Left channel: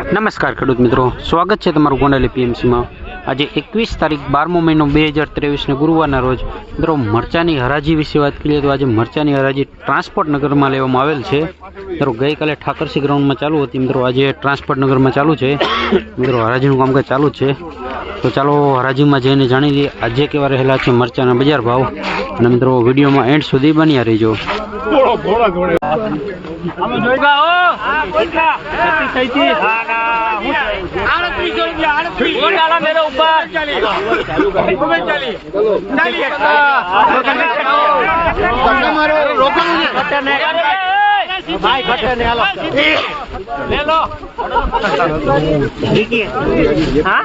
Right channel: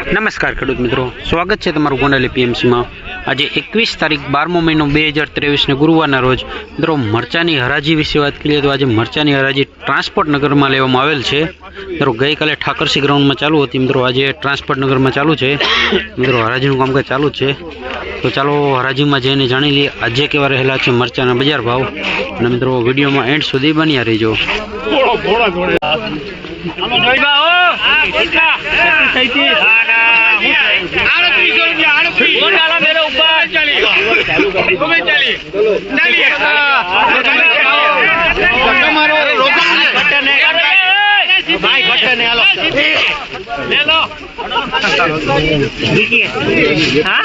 નમસ્કાર ખેડૂત મિત્રો. સ્વાગત છે તમારું ગોંડલી પીએમસીમાં આજે એકવીસ તારીખ બારમો મહિનો બે હજાર ત્રેવીસને ગુરુવારના રોજ. મિત્રો, મરચાની હરાજી વિશે વાત કરીએ તો આજે મરચાની હરાજી ટ્રાન્સપોર્ટ નગરમાં લેવામાં આવેલ છે. મિત્રો, ગઈકાલે ઠાકરસી ગ્રાઉન્ડમાં ચાલુ હતી. મિત્રો, આજે ટ્રાન્સપોર્ટ નગરમાં ચાલુ છે. મિત્રો, હરાજીનું કામકાજ ચાલુ છે. તો ચાલો હરાજીમાં જઈને જાણી લઈએ આજે કેવા રહેલા છે મરચાના બજાર ભાવ. અને મિત્રો, વિડીયોમાં એન્ડ સુધી બન્યા રહેજો. આખો ઘોડો ઘોડે આનો જોઈ ગા ઓ આ કોલકા થઈ ગઈ ના ના હું આડત્રીસ જોઈ ગયા આડત્રીસ હું ચાલો મેરે ઉપર ચાલી તમે ચાલી ચાલી તમારે ભાઈ ઘટે ને હાલો લે લો હા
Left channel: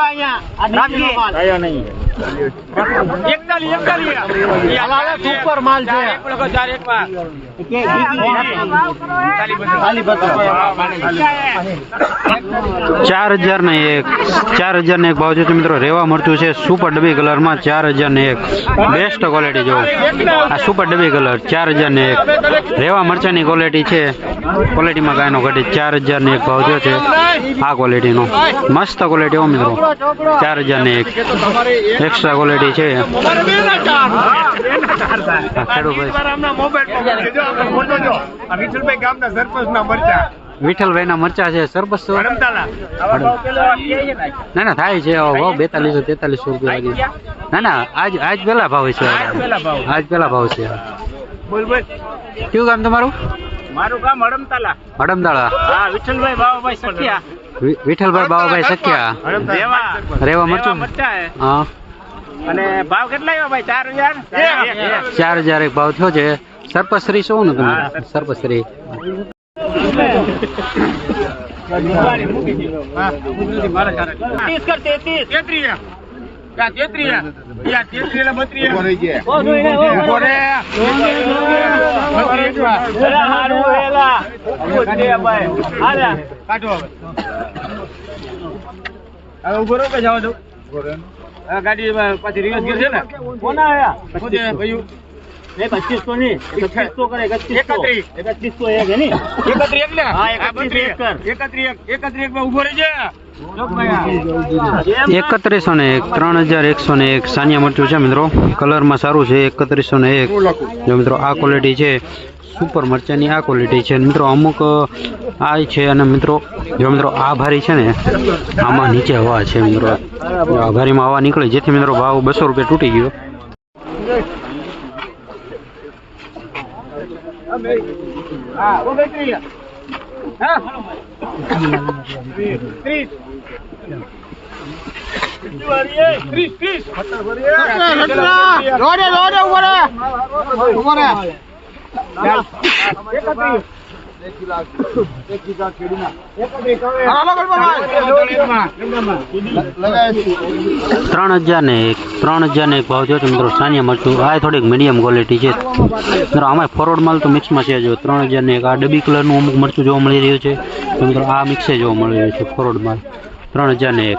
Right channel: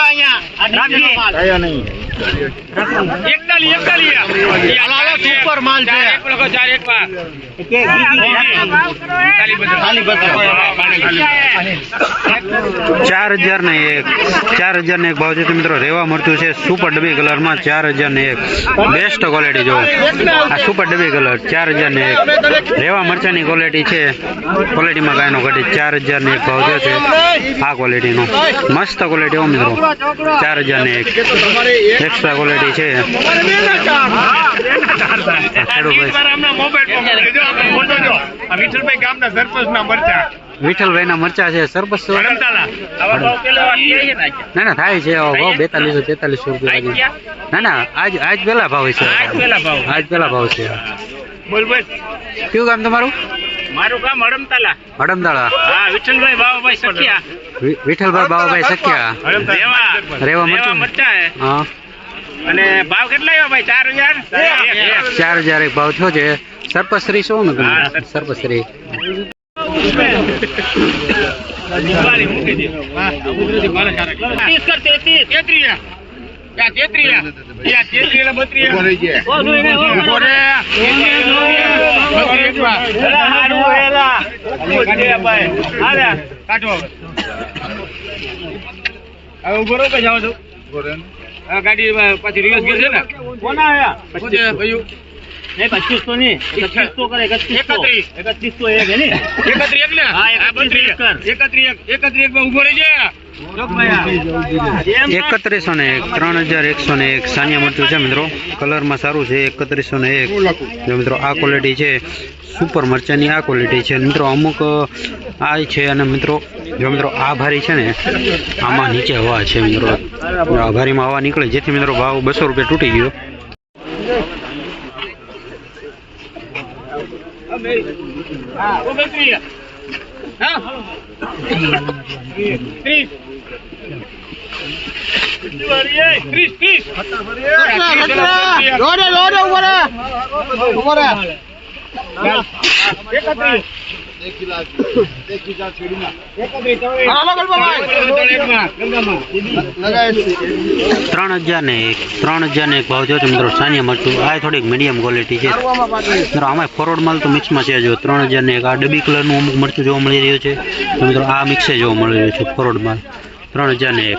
અહીંયા આ નહીં એકતાલી એકતાલી. સુપર માલ છે. ચાર એક લોકો ચાર એક ચાર હજાર ને એક ચાર હજાર ને એક ભાવ છે તો મિત્રો રેવા મળતું છે સુપર ડબી કલરમાં ચાર હજાર ને એક. બેસ્ટ ક્વોલિટી જો. આ સુપર ડબી કલર ચાર હજાર ને એક. રેવા મરચાની ક્વોલિટી છે. ક્વોલિટીમાં કાંઈ નો ઘટી ચાર હજાર ને એક ભાવ જો છે. આ ક્વોલિટીનો મસ્ત ક્વોલિટી હો મિત્રો. ચાર હજાર ને એક. એક્સ્ટ્રા ક્વોલિટી છે. ગામના સરપંચ ના મરચા છે છે. ને ના થાય છે ભાવ બેતાલીસો તેતાલીસો રૂપિયા આજ ના ના આજ આજ પેલા ભાવ છે. આજ પેલા ભાવ. છે. બોલ બોલ. કયું ગામ તમારું? મારું ગામ હડમતાલા. હડમતાલા. હા વિઠ્ઠલભાઈ બાબાભાઈ સખિયા. વિ- વિઠ્ઠલભાઈ બાબાભાઈ સખ્યા. રેવા રેવા મરચા હે. હા. અને ભાવ કેટલા આવ્યો ભાઈ? ચાર હજાર? ચાર હજાર એક ભાવ થયો છે. સર્પશ્રી શું ને સર્પશ્રી. કાઢો હવે. હવે ઊભો રહો કે જાઓ છો? ગાડી પાછી રિવર્સ ગીર છે ને? કોના આયા શું છે ભાઈઓ? પચીસો ની. એકત્રીસો કરે એકત્રીસ. એકત્રીસો એક હે ને? એકત્રીસ એક હા, એકત્રીસ બત્રીસ. એક કર. એકત્રીસ એકત્રીસમાં ઊભો રહેજે. એકત્રીસો ને એક ત્રણ હજાર એકસો ને એક સાનિયા મરચું છે મિત્રો. કલરમાં સારું છે એકત્રીસો ને એક. જો મિત્રો આ ક્વોલિટી છે. સુપર મરચાની આ ક્વોલિટી છે. મિત્રો અમુક આ છે અને મિત્રો જો મિત્રો આ ભારી છે ને આમાં નીચે હવા છે મિત્રો. આ ભારીમાં હવા નીકળે. જેથી મિત્રો ભાવ બસો રૂપિયા તૂટી ગયો. હા ત્રણ હજાર ને એક, ત્રણ હજાર ને એક ભાવ છે મિત્રો. સાનિયા મરચું. આ થોડીક મીડિયમ ક્વોલિટી છે. મિત્રો આમાં ફોરવર્ડ માલ તો મિક્સમાં છે જો. ત્રણ હજાર ને એક. આ ડબી કલરનું અમુક મરચું જોવા મળી રહ્યું છે. તો મિત્રો, આ મિક્સે જોવા મળી રહ્યું છે ફોરવર્ડ માલ. ત્રણ હજાર ને એક.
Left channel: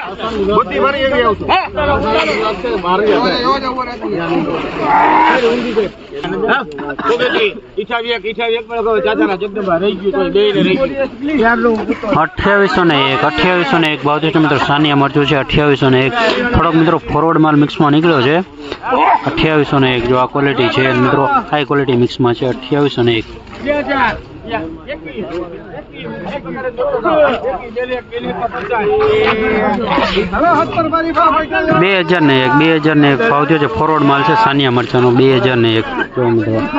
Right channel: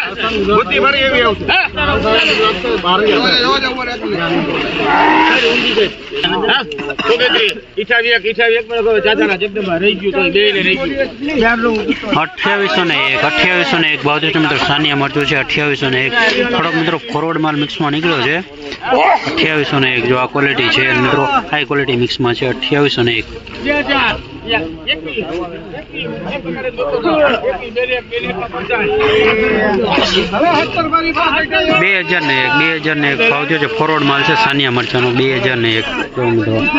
અઠ્યાવીસો ને એક અઠ્યાવીસો ને એક. ભાવ મિત્રો સાનિયા મરચું છે અઠ્યાવીસો ને એક. થોડોક મિત્રો ફોરવર્ડ માલ મિક્સમાં નીકળ્યો છે. અઠ્યાવીસો ને એક જો આ ક્વોલિટી છે મિત્રો હાઈ ક્વોલિટી મિક્સમાં છે અઠ્યાવીસો ને એક. બે હજાર ને એક, બે હજાર ને એક. ભાવ છે ફોરવર્ડ માલ છે, સાનિયા મરચાનો. બે હજાર ને એક.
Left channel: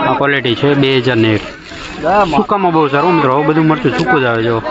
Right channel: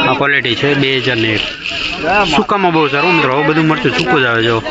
આ ક્વોલિટી છે, બે હજાર ને એક. સુકામાં બહુ સારું, મિત્રો બધું મળતું, સૂકું જ આવે, જો.